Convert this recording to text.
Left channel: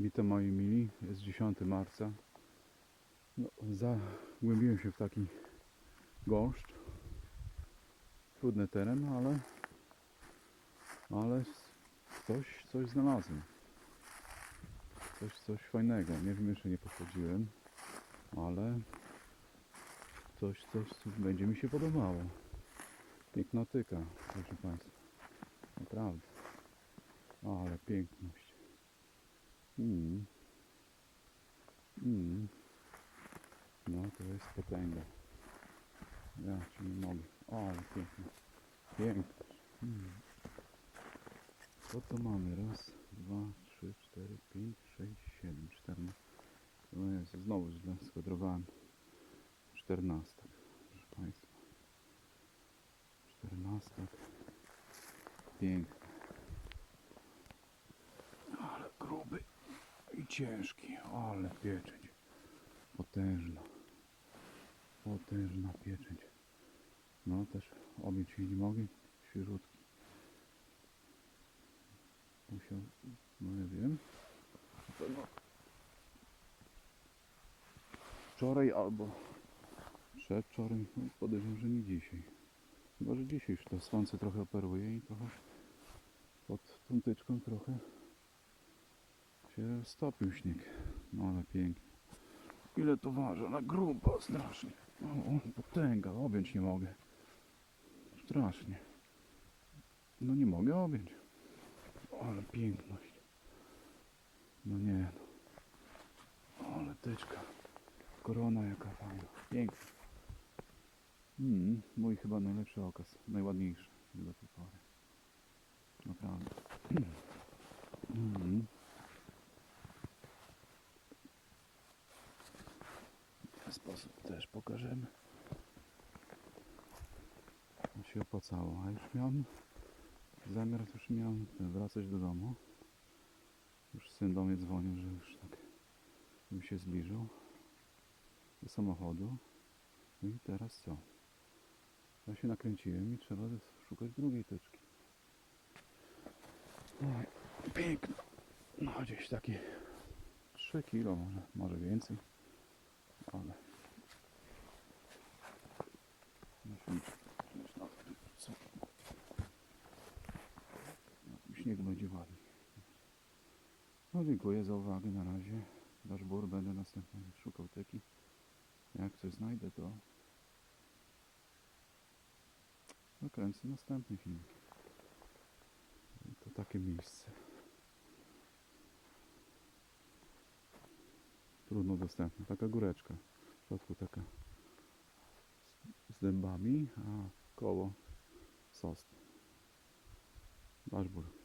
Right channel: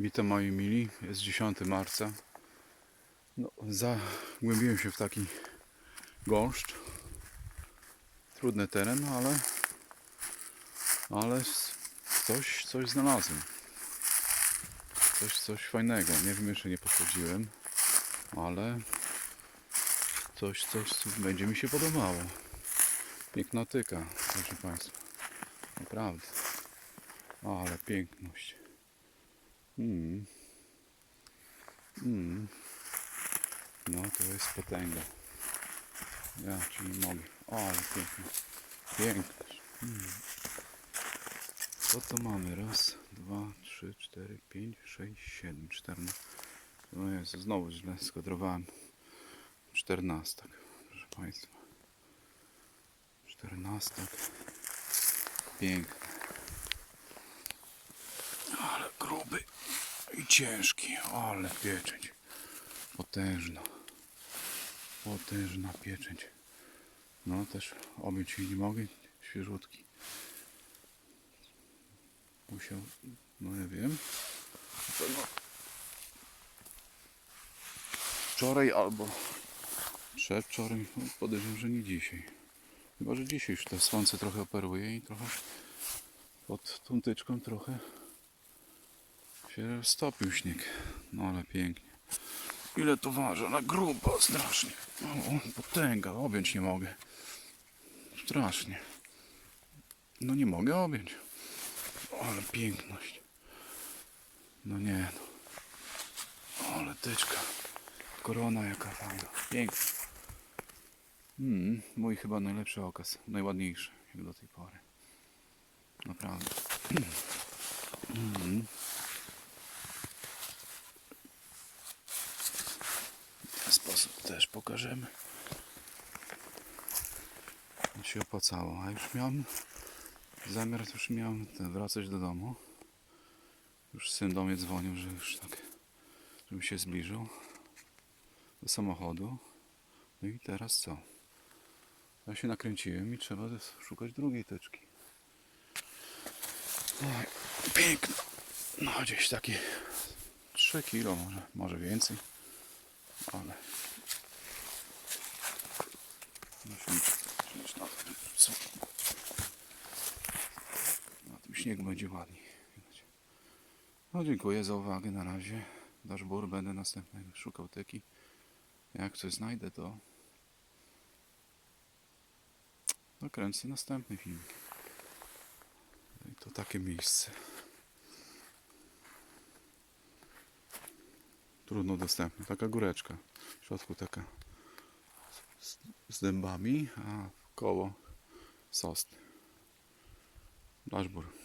Witam moi mili, jest 10 marca. No, zagłębiłem się w taki gąszcz. Trudny teren, ale, ale s- coś, coś znalazłem. Coś, coś fajnego. Nie wiem, jeszcze nie podchodziłem, ale coś, coś, co będzie mi się podobało. Piękna tyka, proszę Państwa. Naprawdę. Ale piękność. Mm. Mm. No to jest potęga. Ja ci nie mogę. O, ale pięknie. Piękność. Mm. Co to mamy? Raz, dwa, trzy, cztery, pięć, sześć, siedem, czternaście. No Jezu, znowu źle skodrowałem. Czternastak, proszę Państwa. Czternastak. Piękny. Ale gruby i ciężki, ale pieczęć. Potężna. Potężna pieczęć. No też objąć jej nie mogę, świeżutki. Musiał, no ja wiem. Wczoraj albo przedwczoraj, no podejrzewam, że nie dzisiaj. Chyba, że dzisiaj już to słońce trochę operuje i trochę pod tą tyczką trochę się stopił śnieg. No ale pięknie. Ile to waży? Na grubo, strasznie. O, potęga, objąć nie mogę. Strasznie. No nie mogę objąć. Ale piękność. No nie no. Ale tyczka. Korona jaka fajna. Piękna. Mm, mój chyba najlepszy okaz. Najładniejszy jak do tej pory. Naprawdę. Mm. W ten sposób też pokażemy. To się opłacało. A już miałem zamiar, już miałem wracać do domu. Już syn do mnie dzwonił, że już tak, żebym się zbliżył do samochodu. No i teraz co? Ja się nakręciłem i trzeba szukać drugiej teczki. Oj, piękno. No gdzieś takie 3 kilo może, może więcej. Ale musimy przecież na tym? Na tym śniegu będzie ładniej. No dziękuję za uwagę na razie. Dashboard będę następny szukał teki. Jak coś znajdę to nakręcę następny film. I to takie miejsce. Trudno dostępne. Taka góreczka. W środku taka z, z dębami, a koło sosny. Dashboard.